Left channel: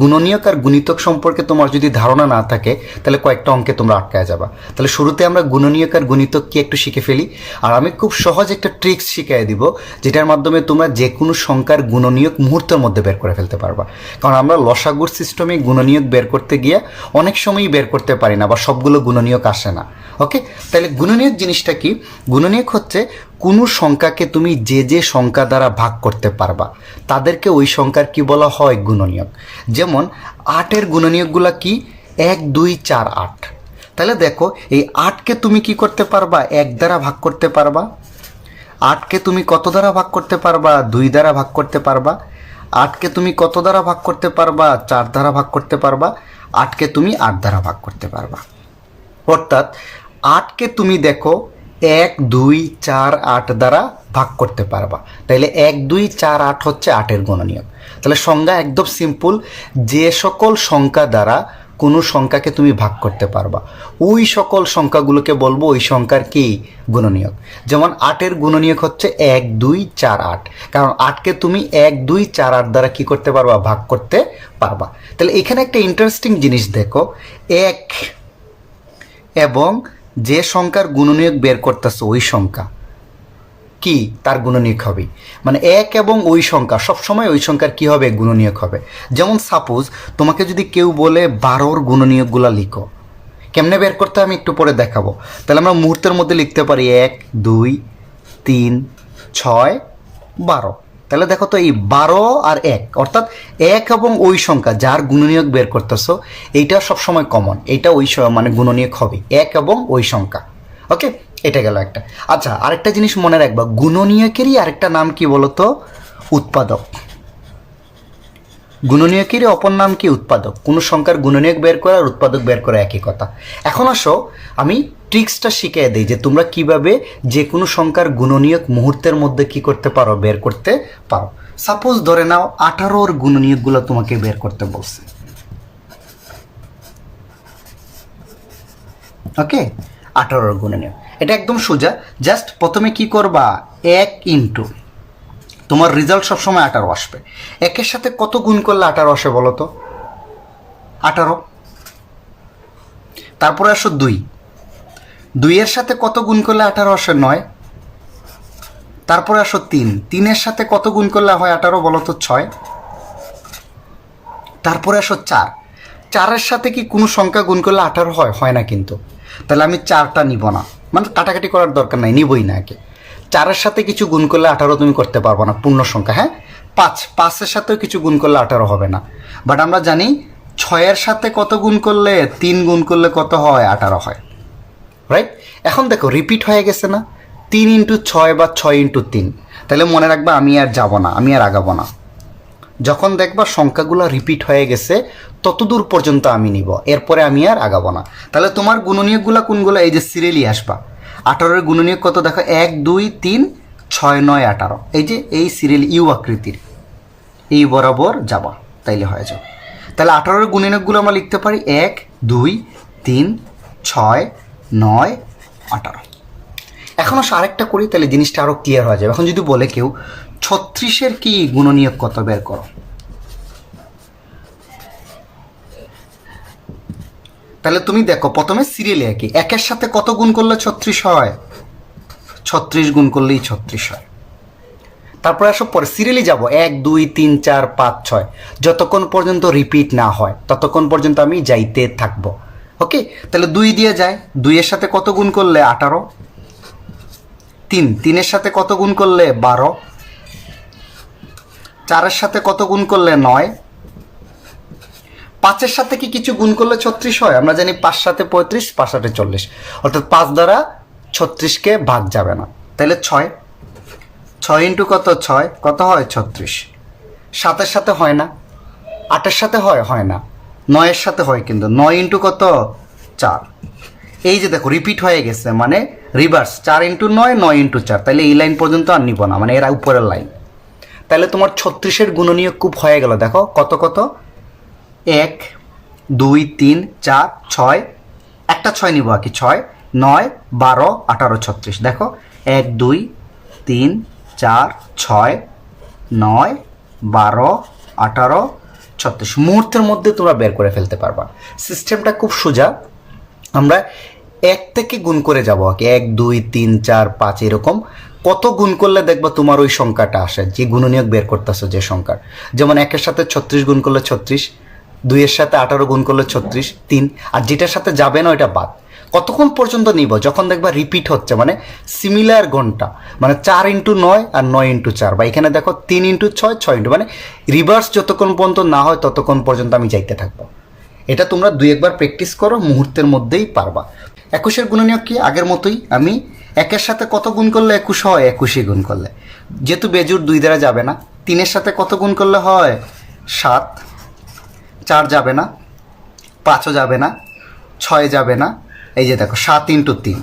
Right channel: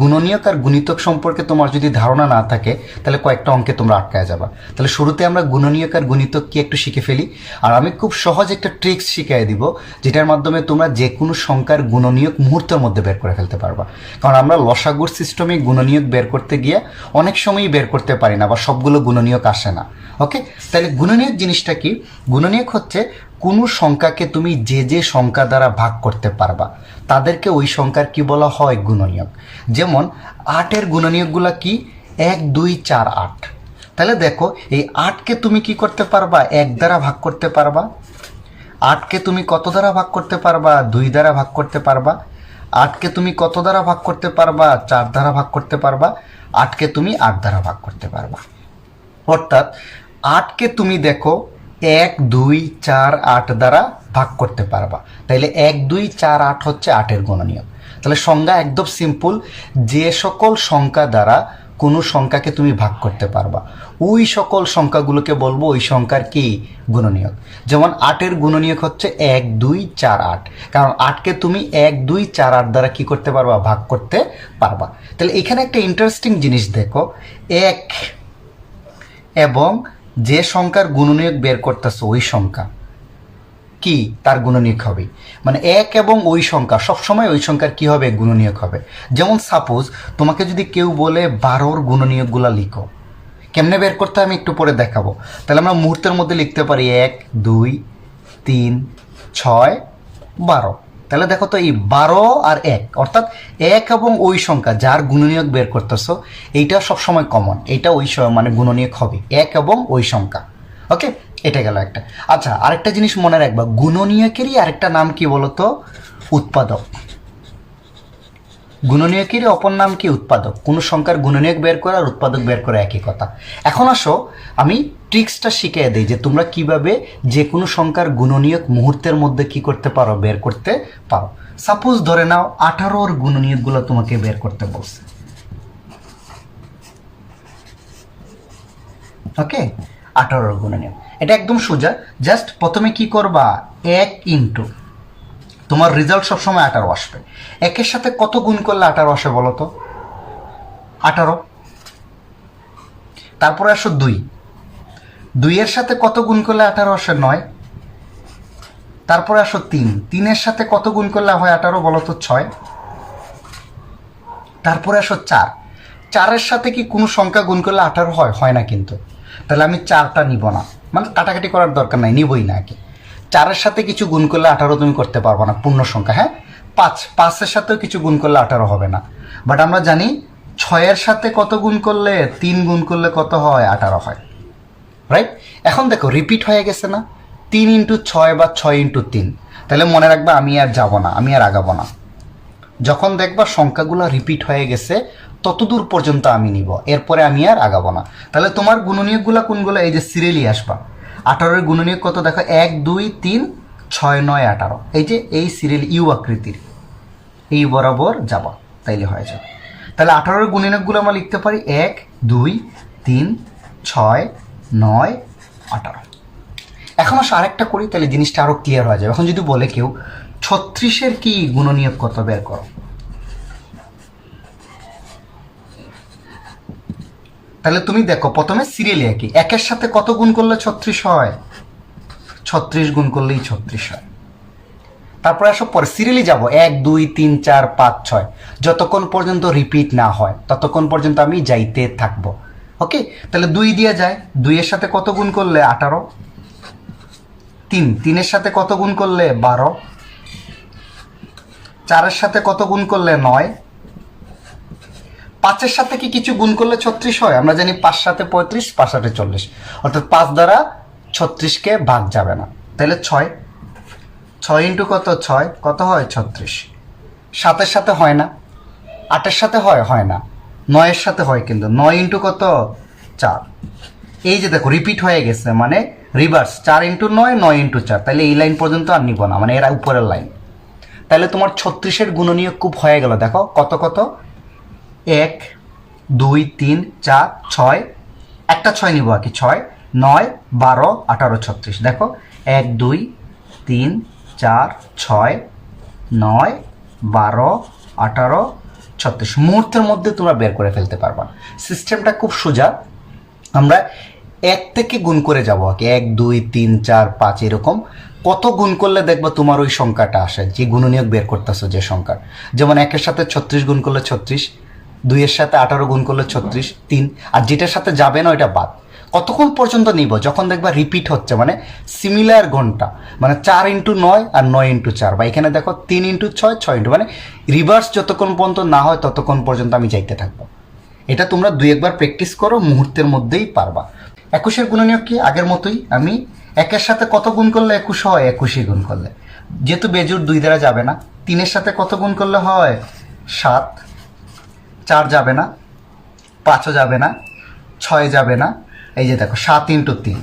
গুণনীয়ক আর গুণিতক সম্পর্কে তোমার যদি ধারণা না থাকে তাহলে কয়েকটা অঙ্কে তোমরা আটকায় যাবা। তাহলে শুরুতে আমরা গুণনীয়ক আর গুণিতক কি একটু শিখে ফেলি। আর আমি খুব সহজ একটা ট্রিক্স শিখিয়ে দিব, যেটার মাধ্যমে তোমরা যে কোনো সংখ্যার গুণনীয়ক মুহূর্তের মধ্যে বের করে ফেলতে পারবা। কারণ আমরা লসাগুর সিস্টেমে গুণনীয়ক বের করতে গিয়ে অনেক সময়ই বের করতে পারি না, বা সবগুলো গুণনীয়ক আসে না। ওকে, তাহলে গুণনীয়ক জিনিসটা কি? গুণনীয়ক হচ্ছে কোনো সংখ্যাকে তুমি যে যে সংখ্যা দ্বারা ভাগ করতে পারবা তাদেরকে ওই সংখ্যার কি বলা হয়? গুণনীয়ক। যেমন 8-এর গুণনীয়কগুলা কি? 1, 2, 4, 8। তাহলে দেখো এই 8কে তুমি কি করতে পারবা? 1 দ্বারা ভাগ করতে পারবা। 8কে তুমি কত দ্বারা ভাগ করতে পারবা? 2 দ্বারা ভাগ করতে পারবা। 8কে তুমি কত দ্বারা ভাগ করতে পারবা? 4 দ্বারা ভাগ করতে পারবা। 8কে তুমি 8 দ্বারা ভাগ করতে পারবা। অর্থাৎ 8কে তুমি দেখো 1, 2, 4, 8 দ্বারা ভাগ করতে পারবা। তাইলে 1, 2, 4, 8 হচ্ছে 8-এর গুণনীয়ক। তাহলে সংজ্ঞা একদম সিম্পল, যে সকল সংখ্যা দ্বারা কোনো সংখ্যাকে তুমি ভাগ করতে পারবা ওই সকল সংখ্যাগুলোকে বলবো ওই সংখ্যার কি? গুণনীয়ক। যেমন 8-এর গুণনীয়ক হচ্ছে 1, 2, 4, 8, কারণ 8কে তুমি 1, 2, 4, 8 দ্বারা কি করতে পারবা? ভাগ করতে পারবা। তাহলে এখানে একটা ইন্টারেস্টিং জিনিস দেখো, 1 এবং যে সংখ্যার গুণনীয়ক বের করতেছে ওই সংখ্যা কি তার গুণনীয়ক হবে। মানে 1 এবং ওই সংখ্যা সবসময় ওই সংখ্যার কি হবে? গুণনীয়ক হবে। যেমন সাপোজ তোমাকে যদি কেউ বলে 12-র গুণনীয়কগুলা লিখো, কেমনে বের করতে আমি একটু পরে দেখাবো। তাহলে আমরা মুহূর্তের মধ্যে লিখতে পারি 1, 2, 3, 6, 12। তাহলে দেখো তো এই 12 আর 1, অর্থাৎ 1 এবং ওই সংখ্যা যার গুণনীয়ক বের করতেছো এইটা সবসময় কমন, এইটা ওই মানে গুণনীয়ক হবে 1 এবং ওই সংখ্যা। ওকে, এটা গেল একটা। আচ্ছা, আরেকটা জিনিস মনে রাখবা, গুণনীয়কেরই আরেকটা নাম কি বলতো? উৎপাদক। গুণনীয়কেরই অপর নাম কি? উৎপাদক। কোনো সংখ্যার গুণনীয়ক বের করা আর উৎপাদক বের করা একই কথা। এখন আসো আমি ট্রিক্সটা শিখিয়ে দিই যে তোমরা কিভাবে যে কোনো সংখ্যার গুণনীয়ক মুহূর্তের মধ্যে কি করতে পারো? বের করতে পারো। সাপোজ ধরে নাও 18-র গুণনীয়কগুলো তোমাকে বের করতে বলছে। ওকে, 18-র গুণনীয়ক এটা একদম সোজা। জাস্ট প্রথমে কি করবা? 1 ইন্টু তোমার রেজাল্ট সবসময় 18 আসবে। 1-এর সাথে কত গুণ করলে 18 আসে বলো তো? 18। তারপরে আসো 2, 2-এর সাথে কত গুণ করলে 18 আসে? 9। তারপরে আসো 3, 3-এর সাথে কত গুণ করলে হয় 18 বলো তো? 6। তারপরে আসো 4, 4-এর সাথে কি কোনো সংখ্যা গুণ করলে 18 হয়? হয় না কিন্তু। তাহলে আমি 4টা নিব না, মানে কাটাকাটি করার দরকার নাই, নিবই না। আগে 4-এর সাথে কিছু গুণ করলে 18 তুমি করতে পারবো না, পূর্ণ সংখ্যা। হ্যাঁ, 5, 5-এর সাথেও কিছু গুণ করলে 18 হবে না। বাট আমরা জানি 6-এর সাথে কত গুণ করলে? 3 গুণ করলে কত হয়? 18 হয়। রাইট? এখন দেখো রিপিট হয়ে গেছে না? 3 ইন্টু 6 বা 6 ইন্টু 3। তাহলে মনে রাখবা আমি আর যাব না, আমি আর আগাবো না। যখন দেখবা সংখ্যাগুলো রিপিট হয়ে গেছে ততদূর পর্যন্ত আমি নিব, এরপরে আমি আর আগাবো না। তাহলে তোমার গুণনীয়কগুলো কোনগুলো? এই যে সিরিয়ালি আসবা। 18-এর গুণনীয়ক কত দেখো? 1, 2, 3, 6, 9, 18। এই যে এই সিরিয়াল ইউ আকৃতির, এই বরাবর যাবা, তাইলে হয়ে যাবে। তাহলে 18-এর গুণনীয়কগুলো আমরা লিখতে পারি 1, 2, 3, 6, 9, 18। এখন আসলে আরেকটা করি, তাহলে জিনিসটা আরো ক্লিয়ার হয়ে যাবে। এখন যদি বলে কেউ 36-এর কি গুণনীয়ক কত বের করো, তাহলে তুমি দেখো প্রথমে সিরিয়ালে একই 1-এর সাথে কত গুণ করলে 36 হয়? 36 গুণ করলেই 36 হয়। তারপরে আসো পরে সিরিয়ালি যাব 1, 2, 3, 4, 5, 6, যতক্ষণ পর্যন্ত রিপিট না হয় ততক্ষণ পর্যন্ত আমি যাইতে থাকবো। ওকে, তাহলে 2 দিয়ে যায়, 2-এর সাথে কত গুণ করলে? 18। 3, 3-এর সাথে কত গুণ করলে? 12। 4-এর সাথে কত গুণ করলে? 9। 5-এর সাথে কি কিছু গুণ করলে 36 হয়? আমরা জানি 5 সাথে 35, 5 সাথে 40, অর্থাৎ 5 দ্বারা 36-কে ভাগ যাবে না। তাহলে 6, 6 ইন্টু কত? 6, কত হয়? 36। 7-এর সাথে হয় না, 8-এর সাথে হয়? হয় না। 9-এর সাথে হয় কিন্তু, 9 ইন্টু কত? 4। এই যে দেখো রিপিট হয়ে গেছে, মানে রিভার্স, 4 ইন্টু 9, 9 ইন্টু 4। তাহলে এই লাইন পর্যন্ত আর নিব না, মানে এর উপরের লাইন। তাহলে তোমার 36-এর গুণনীয়ক খুব হয়ে গেল। দেখো কত কত? 1, 2, 3, 4, 6, একটা 6 নিব আর কি, 6, 9, 12, 18, 36। দেখো 1, 2, 3, 4, 6, 9, 12, 18, 36 মুহূর্তের মধ্যে তোমরা বের করে ফেলতে পারবা। সিস্টেমটা খুব সোজা। আমরা 1 থেকে গুণ করে যাবো, 1 2 3 4 5 এরকম কত গুণ করলে দেখবা তোমার ওই সংখ্যাটা আসে, যে গুণনীয়ক বের করতেছো যে সংখ্যার। যেমন 1-এর সাথে 36 গুণ করলে 36, 2-এর সাথে 18 গুণ করলে 36, 3, আর যেটার সাথে যাবে না ওইটা বাদ। কতক্ষণ পর্যন্ত নিব? যখন দেখবা রিপিট হচ্ছে, মানে সিমিলার ঘন্টা, মানে 4 × 9 আর 9 × 4, বা এখানে দেখো 3 × 6 6 মানে রিভার্স যতক্ষণ পর্যন্ত না হয় ততক্ষণ পর্যন্ত আমি যাইতে থাকবো। এটা তোমরা 2-1 প্র্যাকটিস করো, মুহূর্তের মধ্যেই পারবা। 21-এর গুণনীয়ক কি? আগের মতোই, আমি 1-এর সাথে কত গুণ করলে 21 হয়? 21 গুণ করলে, যেহেতু বেজোড় 2 দ্বারা যাবে না। 3-এর সাথে কত গুণ করলে হয়? 7, 4 যাবে না, 5ও যাবে না, 6 যাবে না। এই যে দেখো 7 × 3,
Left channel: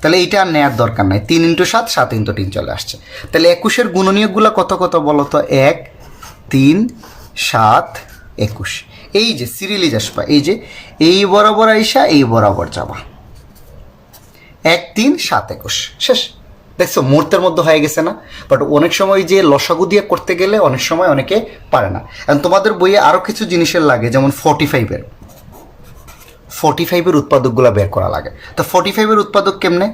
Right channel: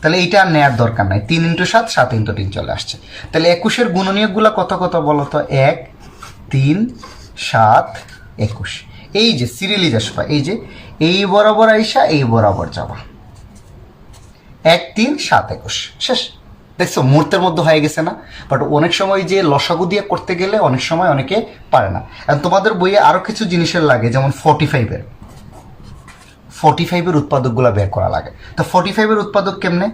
তাহলে এইটা আর নেওয়ার দরকার নাই। 3 × 7, 7 × 3 চলে আসছে। তাহলে 21-এর গুণনীয়কগুলো কত কত বলো তো? 1 3 7 21। এই যে সিরিয়ালি আসবা, এই যে এই বরাবর আইসা এই বরাবর যাবা, 1 3 7 21, শেষ। দেখছো মুহূর্তের মধ্যে হয়ে গেছে না? বাট অনেক সময় যে লসাগু দিয়ে করতে গেলে অনেক সময় অনেকে পারে না। এখন তোমাদের বইয়ে আরও কিছু জিনিসের লাগে, যেমন 45-এর উৎপাদকগুলো বের করা লাগে। তো 45-এর উৎপাদক কেমনে?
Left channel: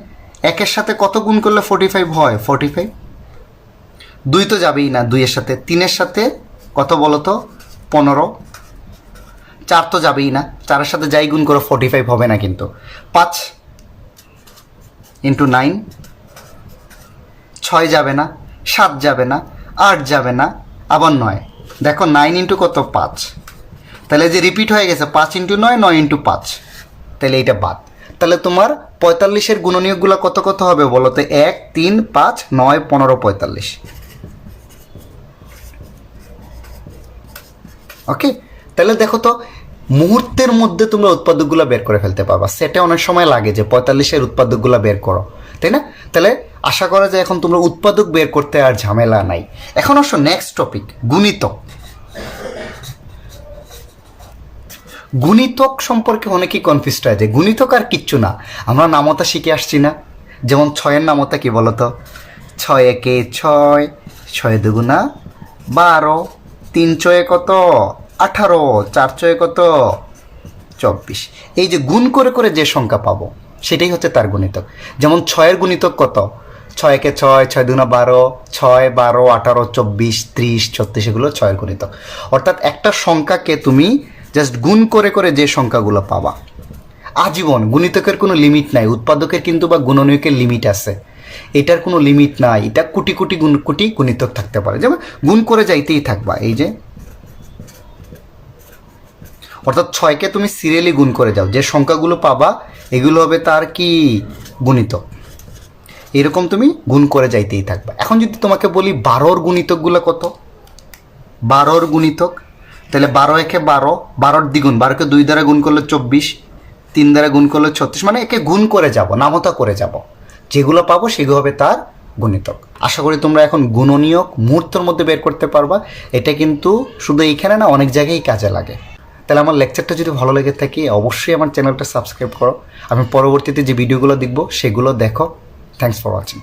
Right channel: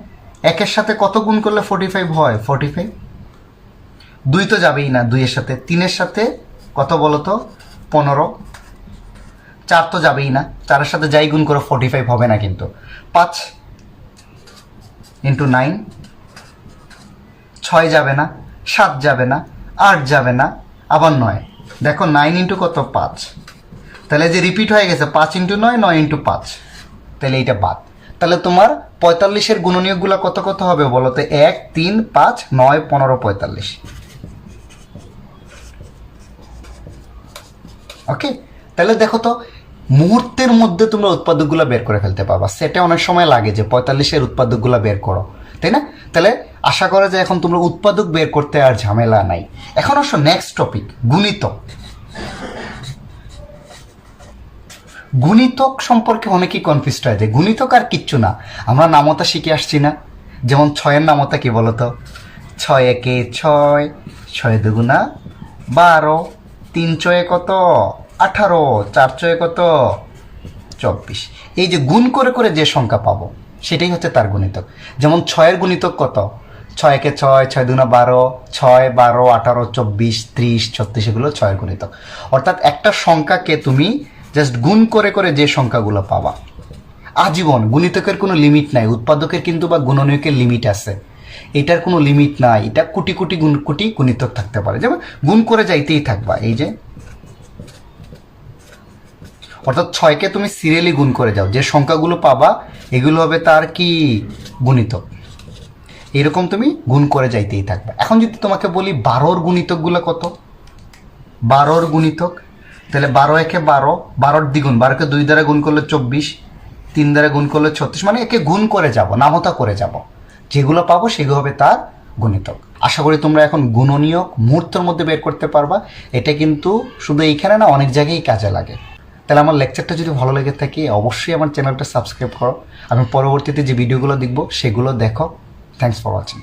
1-এর সাথে কত গুণ করলে 45 হয়? 45, 2 তো যাবেই না 2-এর সাথে। 3-এর সাথে কত বলো তো? 15, 4 তো যাবেই না, 4-এর সাথে যাই গুণ করো 45 হবে না কিন্তু। 5 × 9, 6 যাবে না, 7 যাবে না, 8 যাবে না, আবার 9। দেখো 9 × কত? 5, তাহলে যে রিপিট হয়ে গেছে 5 × 9, 9 × 5, তাহলে এইটা বাদ। তাহলে তোমার 45-এর গুণনীয়কগুলো কত কত হবে বলো তো? 1 3 5 9 15 45। ওকে, তাহলে দেখো তো মুহূর্তের মধ্যে তোমরা উৎপাদকগুলো বের করে ফেলতে পারবা। সেটা অনেক সময় লাগে যে 45-এর উৎপাদকগুলো বের করো, তাই না? তাহলে আশা করা যায় এখন তোমরা উৎপাদক বের করতে আর ঝামেলা নাই। এখন অবশ্য নেক্সট টপিক গুণিতক। গুণিতক সম্পর্কে অনেকেই কনফিউজড হয়ে যায়। গুণিতক আর কিচ্ছু না, আমরা নামতা শিখে আসছি না। যেমন 6-এর নামতা কি বলতো? 6 একে 6, 6 দুগুণা 12, 3 ছয়ে কত? 18, 4 ছয়ে কত? 24। এই যে গুণ করে করে যে সংখ্যা পাবো সেটাই হচ্ছে তার গুণিতক। যেমন 6-এর গুণিতক কত? 6 একে 6, 6 দুগুণা 12, 6 12 18 24 30 36, এগুলো 6-এর গুণিতক। অর্থাৎ একটা সংখ্যাকে তুমি জাস্ট গুণ করে করে যে সংখ্যাগুলো পাবা আজীবন। গুণিতকের কোনো লিমিট নাই, উৎপাদকের কিন্তু বা গুণনীয়কের লিমিট আছে, এটার কোনো লিমিট নাই। এটা কোটি কোটি কোটি গুণিতক থাকতে পারে, যেমন গুণ করে যাইতেই থাকবা। এই যে অর্থাৎ 6কে তুমি সিরিয়ালি গুণ করে যাও, যে সংখ্যাগুলো পাবা এগুলো হবে তার কি? গুণিতক। এরকম তুমি গুণ করে যাইতেই থাকবা। এখন যদি তোমাকে বলি 12-র গুণিতকগুলো কত? 12-র গুণিতক, তাহলে 12 একে 12, 12-র দ্বিগুণ, 12কে 2 দ্বারা গুণ করলে 24, 3 দ্বারা গুণ করলে 36, মানে একে গুণ করে যাব, নামতা করে যাব, যেগুলো পাবো সেগুলো হবে তার গুণিতক। আশা করি তোমরা এখন গুণনীয়ক মুহূর্তের মধ্যে বের করতে পারবা। এটা কিন্তু শুধু এইখানে না, অনেক জায়গায় কাজে লাগে। তাহলে আমার লেকচারটা যদি ভালো লেগে থাকে অবশ্যই আমার চ্যানেলটা সাবস্ক্রাইব করো। আমি পরবর্তীতে যে ভিডিওগুলো দেখবো সেগুলো দেখো। Thanks for watching.